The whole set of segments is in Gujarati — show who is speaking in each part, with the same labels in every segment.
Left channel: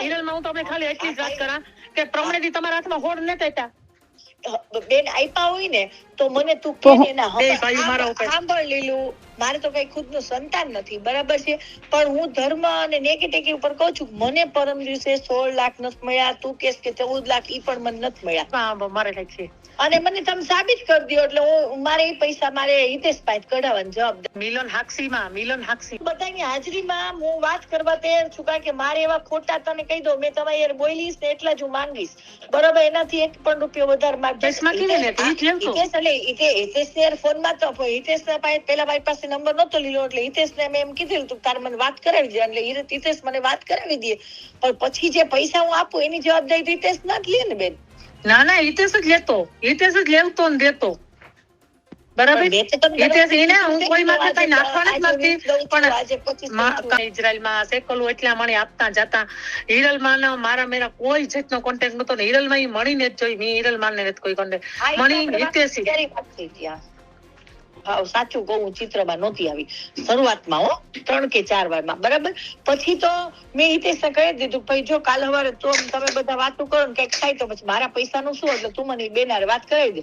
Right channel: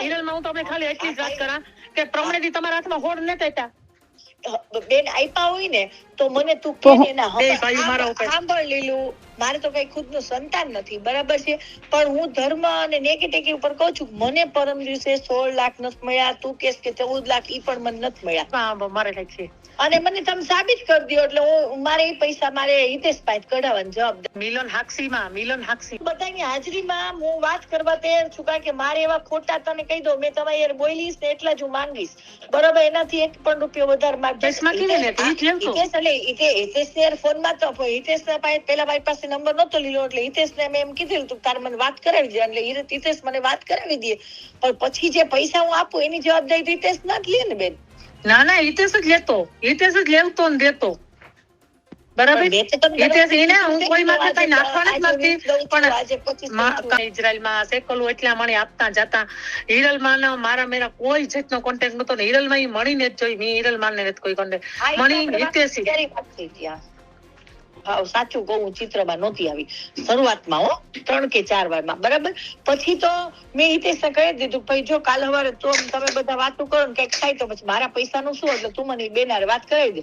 Speaker 1: હિરલમાં હું તમને ખાલી એટલી જ વાત કરા કે પ્રમાણેથી તમારા હાથમાં હોડ નથી હતા
Speaker 2: બેન આપ્યા હોય ને તો મને તું કે. સાંભળ લીલું મારે તો કઈ ખુદનું સંતાન નથી બરાબર છે? પણ હું ધર્મ અને નેગેટિવ ઉપર કહું છું મને પરમ દિવસે સોળ લાખ નથી મળ્યા તું કેસ કે ચૌદ લાખ ઈ પણ મને નથી મળ્યા.
Speaker 1: મારે કંઈક છે.
Speaker 2: અને મને તમે સાબિત કરી દો એટલે હું મારે એ પૈસા મારે હિતેશ પાસે કઢાવવાની જવાબ
Speaker 1: મિલન હાક્ષીમાં મિલન હાક્ષી
Speaker 2: બધાની હાજરીમાં હું વાત કરવા તૈયાર છું કારણ કે મારે એવા ખોટા તને કહી દો મેં તમારી યાર બોલીશ ને એટલા જ હું માંગીશ. બરોબર એનાથી એક પણ રૂપિયો વધારે હિતેશ એટલે હિતેશ ને યાર ફોનમાં તો હિતેશ ના પાસે પેલા મારી પાસે નંબર નતો લીધો એટલે હિતેશ ને એમ કીધું તું તારે મને વાત કરાવી દે એટલે હિતેશ મને વાત કરાવી દે પણ પછી જે પૈસા હું આપું એની જવાબદારી હિતેશ ના જ લે ને બેન
Speaker 1: ના ના હિતેશ જ લેતો હિતેશ જ લેવતો ને દેતો બરાબર? હું કોઈ માટે કઈ નાખવા નથી પણ. ઇઝરાયલમાં સેકલું એટલા આપતા જતા. હિરલમાં મારા મેરા કોઈ જાતનો કોન્ટેક્ટ નતો ને હિરલમાં ઈ મણીને જ જોઈ. મેં હિરલમાં ને કોઈ કોન્ટેક્ટ મણી હિતેશી.
Speaker 2: સાચું કહું હું ચિત્રમાં નહોતી આવી. શરૂઆતમાં હો ત્રણ કે ચાર વારમાં બરાબર? પછી તો મેં હિતેશને કહી દીધું ભાઈ જો કાલ હવારે તો તમે બધા વાતો કરો ને કંઈક થાય તો પછી મારા પૈસાનું શું? એટલે તું મને બેન વાત કરાવી દે.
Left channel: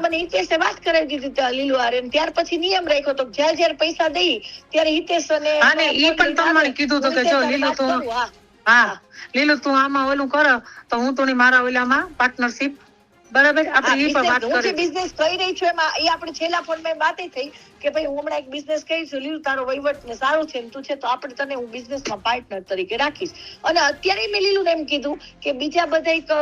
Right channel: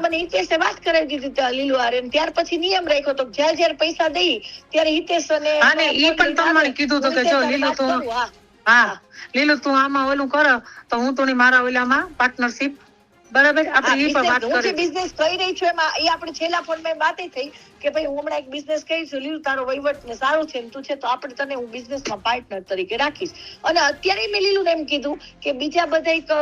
Speaker 2: મને હિતેશે વાત કરાવી દીધી લીલું આરે ત્યાર પછી નિયમ રાખ્યો તો જ્યારે જ્યારે પૈસા દઈ ત્યારે હિતેશ અને
Speaker 1: એ પણ તમારે કીધું તો કે જો લીલું તો-.
Speaker 2: હા.
Speaker 1: લીલું તું આમાં ઓલું કર તો હું તું મારા ઓલામાં પાર્ટનરશિપ બરાબર આપણે એ પણ વાત
Speaker 2: કરી હું જે બિઝનેસ કરી રહી છું એમાં એ આપણે છેલ્લા ફોનમાં વાત થઈ કે ભાઈ હું હમણાં એક બિઝનેસ કરી છું લીલું તારો વહીવટ ને સારો છે તું છે તો આપણે તને હું બિઝનેસમાં પાર્ટનર તરીકે રાખીશ. અને અત્યારે મેં લીલું એમ કીધું કે બીજા બધા એક,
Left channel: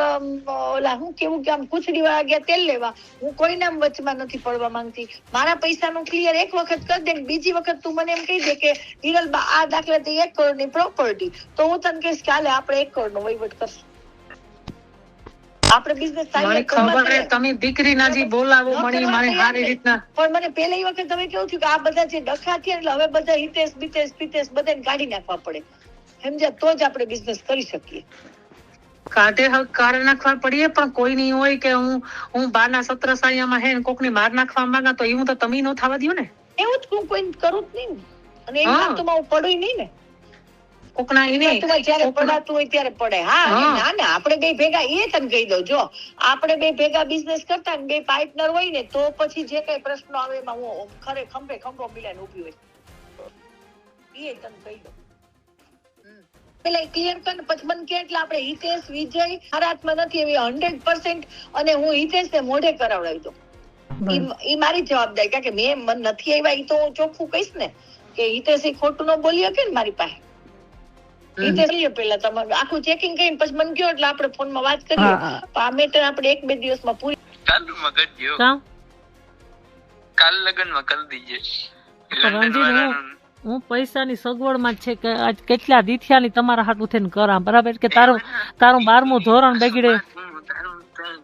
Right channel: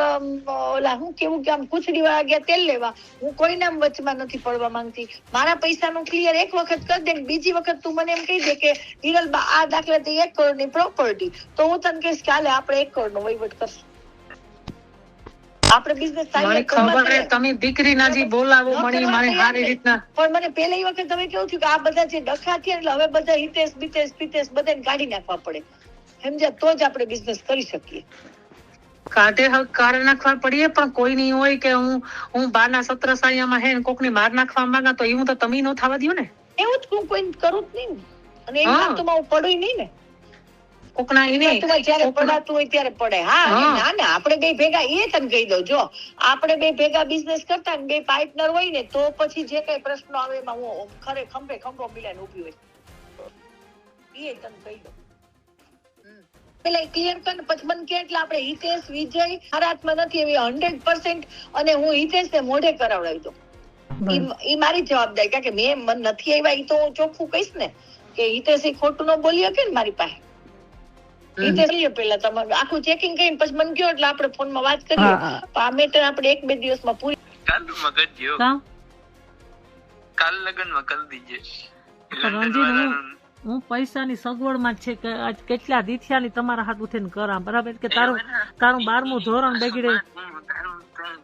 Speaker 2: ઓલા હું કેવું કે આમ કુછડી વાળા ગયા તેલ લેવા હું કોઈના વચમાં નથી પડવા માંગતી. મારા પૈસાનું ક્લિયર એક વખત કરી દે બીજી વખત તું મને એમ કહી દે કે હિરલ આ દાખલા તે એક કરોડની પ્રોપર્ટી તો હું તને કહીશ કે હાલે આપણે એક કરોડનો વહીવટ કરશું. આપણે બિઝનેસ
Speaker 1: મને ખબર હે તમે દીકરી ના જી બોલાવો મણી હારી
Speaker 2: નહીં.
Speaker 1: રીતના.
Speaker 2: પણ મને પહેલી વખત તમે કેવું થયું કે આ બધા જે ડખા થયા એટલે હવે બધા હિતેશ બિતેશ પિતેશ બધાને કાઢી નાખવા પડે. સમજ્યા? તો જ આપણે બિઝનેસ કરી શકીએ.
Speaker 1: કાઢે હવે કારણ નાખવા પડીએ પણ કોઈ નહીં હોય કે હું હું બારના સત્ર સાયામાં હે ને કોકની માર નાખવા માંગા તો એવું તો તમે નો થવા દ્યો ને.
Speaker 2: એવું જ હું કોઈ કરું જ નહીં ને. અને
Speaker 1: એ.
Speaker 2: તો હું પડું નહીં ને.
Speaker 1: કોકના એને
Speaker 2: જ્યારે પડાતું હોય ત્યારે પડે. હા. ના ના આપણે બે ભેગા એ તને કહી દઉં જો આપણે બે ભેગા બિઝનેસ કરતા ને બે પાર્ટનર હોય ને તો પછી જે કઈ પ્રશ્નો આવે એમાં હું ખરે ખંભે ખંભો મિલાઈને ઊભી હોય. એ તને કહી દઉં. પેલા ક્લિયર કર પછી મને કે એટલે આપણે હિતેશ વિજય હરાતમાં નથી એવી હંડ્રેડ પર્સન્ટ અને હું હિતેશ ને મોઢે કરાવડાવી દઉં. ઈ મારી જવાબદારી કારણ કે મેં મન નથી આવ્યા એ તો હું ચોખ્ખું કહીશ ને કે હિતેશ એ ખોટું ન બોલી શકે ને મારી પાસે.
Speaker 1: હમ.
Speaker 2: કરીએ પેલા તમારે. આખું ચેકિંગ કરીને પછી મને કયો એટલે આપણે ફોનમાં વાત કરીએ. આ મેટર આપણે એક બે દિવસમાં પૂરી
Speaker 3: ચાલુ મગજ
Speaker 4: કાં?
Speaker 3: કાલ લગનમાં કરી દીજે.
Speaker 4: હું- પૈસાની સગવડમાં છે કે આજ કેટલા દીથિયાની તમારા હાટું થઈને કરા બરાબર? કે તારું તારું બારમું ધોરણ બગડે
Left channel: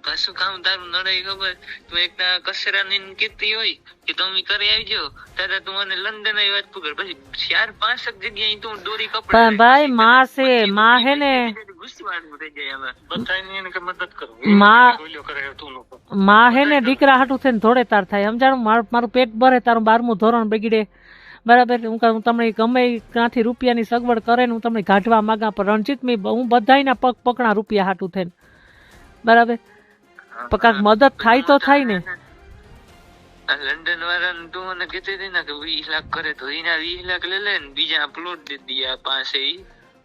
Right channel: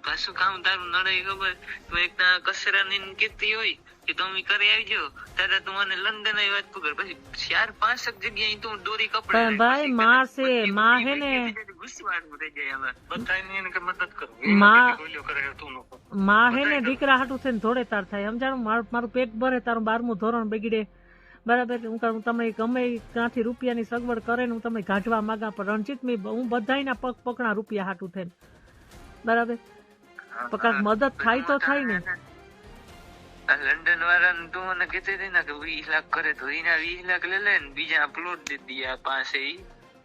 Speaker 3: કશું કામ તારું નડે ખબર? તું એક કસરા ની કીધી હોય કે તમે કરી આવજો. ત્યારે તું મને લંડન આવી વાત પકડ. પછી ચાર પાંચ જગ્યાએ તું દોરી કપડા
Speaker 4: પણ ભાઈ માં છે માં હે ને માં હે ને દીકરા હાટું થઈને ધોળે તાર થાય. સમજાણું? મારું પેટ ભરે તારું બારમું ધોરણ બગડે. બરાબર? હું હું તમને ગમે ક્યાંથી રૂપિયાની સગવડ કરે ને હું તમને કાઢવા માંગા પણ રણજીત મેં હું બધાયના પગ પકડા રૂપિયા હાટું થઈને. બરાબર? પણ કાંક મદદ થાય તો થાય ને.
Speaker 3: આ લંડન વાળા તું મને કહેતી હતી ને કે વીસ લાખ કરે તો એના વીસ લાખ લઈ લે ને બીજા પ્લોટ દે દિયા પાસે.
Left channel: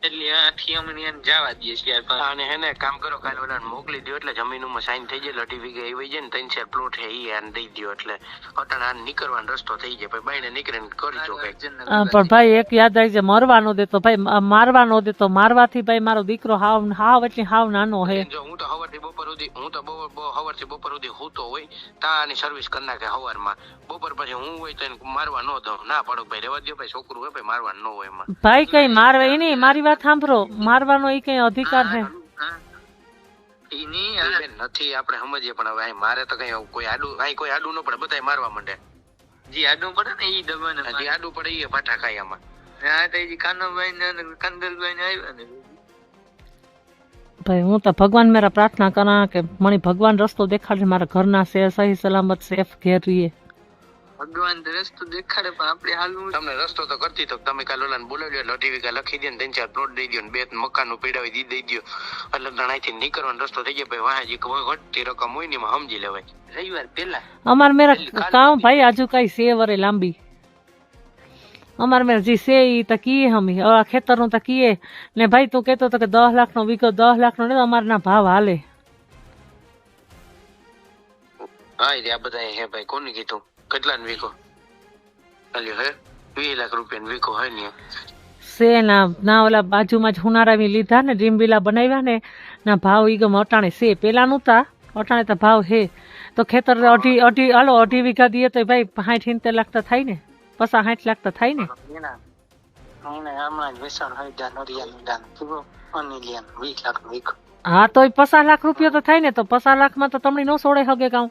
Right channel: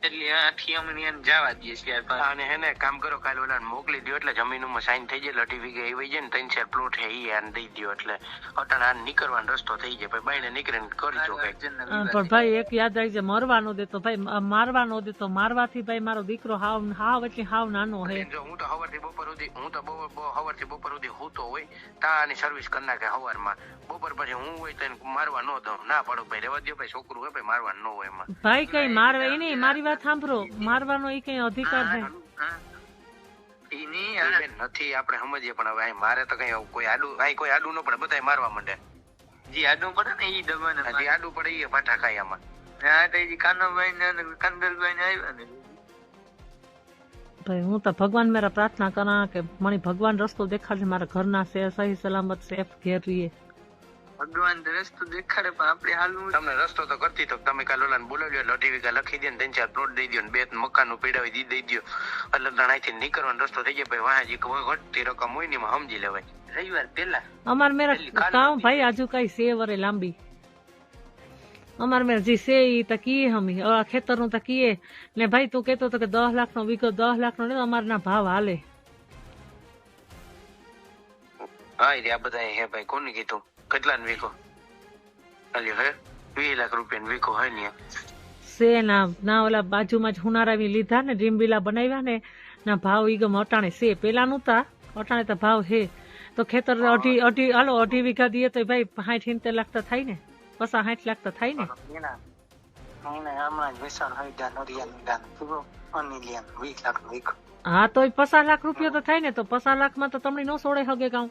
Speaker 3: એટલે આખી અમને જવા દઈએ છીએ અને
Speaker 5: અને હેને કામ કરો કાલે ઓલા મોકલી દો એટલે જમીનમાં સાઈન થઈ જાય વીઘે આવી જાય ને ત્રણ ચાર પ્લોટ હે ઈ આને દઈ દો એટલે અટાણે આ નીકળવાનો રસ્તો થઈ જાય ભાઈ બાઈને નીકળીને કરજો
Speaker 4: કઈ પણ ભાઈ એક યાદ રાખજે મરવાનો દે તો ભાઈ મારવાનો દે તો મારવાથી ભાઈ મારો દીકરો હાવ હાવ એટલે હાવ નાનો હે.
Speaker 5: જો હું તો હવારથી બપોર સુધી હું તો બપોર બપોર- હવારથી બપોર સુધી હુતો હોય તાની સર્વિસ કરી નાખે હવારમાં. બપોર પછી હું હોય તો એને મારવા ન દઉં. ના પાડો ભાઈ રેવા દો ભાઈ છોકરું હોય ભાઈ મારવા ન હોય એમાં.
Speaker 4: ભાઈ કઈ મારવા એની મારી વાત સાંભળો. મારવાનો એ કઈ અધિકાર છે?
Speaker 5: એની બેન નથી આપણે સમજીએ પણ હવે મારે તો કઈ કોઈ આડું અહીં કોઈ આડું ન પડે બધાય મારવા માંડે.
Speaker 3: જે આડું પડે ને ઈ દબાને
Speaker 5: હજી આડું પડે એ પાઠા ખાય આમાં.
Speaker 3: આ તો ઈ કાનાભાઈ ને કંદલભાઈ ને આવ્યા ને.
Speaker 4: ભાઈ હું તો ભગવાન મેરા પ્રાર્થના કરા કે મને ભગવાન રસ્તો દેખાડે મારા ઘરના છે સહી સલામત સેફ ઘેર રહીએ.
Speaker 3: ભગવાન રસ્તો દેખાડે પણ આપણે હાલવું
Speaker 5: તમને રસ્તો તો કરતી તો તમે કાલ ઓલાને બોલાવી લો એટલે અઢી વીઘા લખી દે ને ત્રણ ચાર પ્લોટ દઈ દો ને બે મકાનનું પીડાવી દી દઈ દો. એટલે ત્રણેયથી નીકળવાનો રસ્તો થઈ જાય ભાઈ વાહ જે ઘટતી રકમ હોય ને એમાં સમજી લેવાય.
Speaker 3: રવિવાર પેલા
Speaker 4: અમાર મેરા કામ ભાઈ આજુ કઈ સે વરે લાંબી? અમાર મેં જી સે ઈ તો કીએ હમી આ ખેતરનું તો કીએ. ને ભાઈ તું કેતો તો કે દસ લાખ નો વીઘો દસ લાખ નો ને અમારના ભાવ હાલે.
Speaker 5: હા એ આ બધા હે ભાઈ કોને કીધું? કેટલા ને વીકો અલ્યો હે? વીસ લાખ રૂપિયા વીકો હોય ને
Speaker 4: સે ના ના ઓલા બાજુમાં જ હુનારાવી લીધા ને ડ્રીમ બનાવ્યા ને ના ભાવ ઈ ગમ અટાણે સે પેલાનું તા અટાણે તો ભાવ હે તો ખેતર અઢી અઢી હાલો અઢી વીઘા દઈએ તો ભાઈ સાઠ સિત્તેર લાખ તો થાય ને. પસા સાઠ લાખ તો થાય ને.
Speaker 3: લાખ
Speaker 4: હા તો પચાસ લાખ રૂપિયા તો થાય ને તો પચાસ લાખમાં તો તમને ન સોડે હગે કાઉ.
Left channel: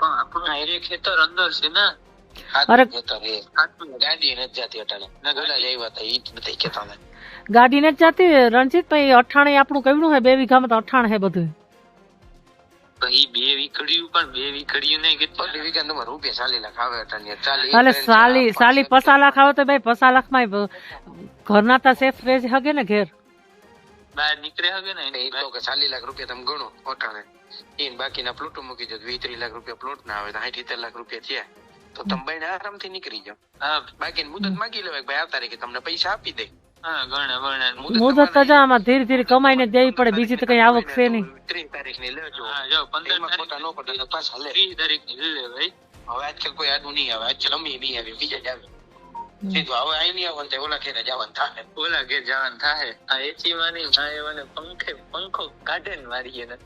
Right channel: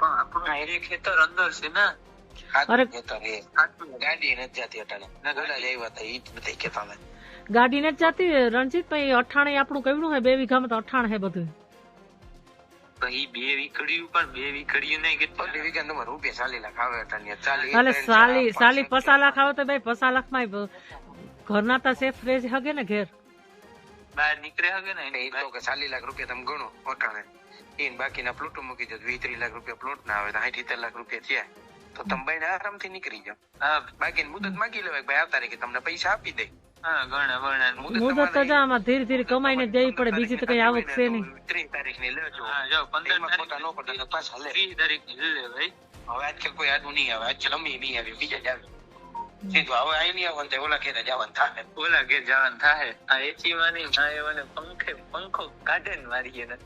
Speaker 3: પણ આપણું એ ખેતર અંદર છે ને
Speaker 5: ગાડી નથી જતી અટાણે. હતા ઈ
Speaker 4: ગાડી રણજીતભાઈ અઠાણે આપણું હે બે વીઘામાં તો અઠાણ હે બધું.
Speaker 3: ઈ બે વીકડ્યું પણ બે વીકડ્યું નહીં કેટલા
Speaker 5: અઢી વીઘા તમારે રૂપિયા ચાલી લાખ આવે અટાણે. ચાલી
Speaker 4: સાલી સાલી પચાસ લાખ આવે તો ભાઈ પસા લાખમાં ઘરના તા સેફ રેજ હગે ને ઘેર?
Speaker 3: બહાર નીકળે હગે ને
Speaker 5: એ તો કે ચાલી લાખ રૂપિયા તમે ગણો અટાણે ઈને બાકીના પ્લોટો મૂકી દો વીસ ત્રીસ લાખ રૂપિયા પ્લોટ ના આવે તો સાઠ સિત્તેર લાખ રૂપિયા થયા. તો તમે ભાઈ આરામથી નીકળી જાઓ.
Speaker 3: હા.
Speaker 5: બાકી મુદત માગી લેવાય ભાઈ આ તારીખે તમને પૈસા આપી દે.
Speaker 3: હા ગણે ગણે
Speaker 5: મુદત
Speaker 4: મુદત તો આમાં ધીરે ધીરે કમાઈને જ પડે બીજી તો કઈ આવક છે નહીં.
Speaker 5: ત્રીસ તારીખની લેજો
Speaker 3: હા જો
Speaker 5: ખોટા ન પડે તો પાછા લે.
Speaker 3: ત્રીસ તારીખની લે ભાઈ.
Speaker 5: હવે આજકાલ કોઈ આડું નહીં આવે આજકાલ અમે નહીં આવી બીજા જ આવે. સીધું હવે અહીં નહીં ઓલા ખેરે જવાનું થાય
Speaker 3: ઓલા ઘેર જવાનું થાય આ એસી માં નહીં આ એવાને પંખે પંખો કાઢે ને મારીએ ને.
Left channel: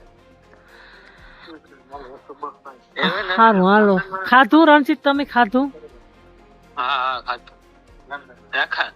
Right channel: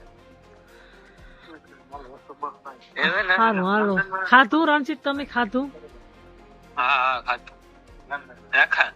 Speaker 3: હવે
Speaker 4: હાલો. ખાધું રણજીત તમે ખાધું?
Speaker 3: હા હા ખાધું.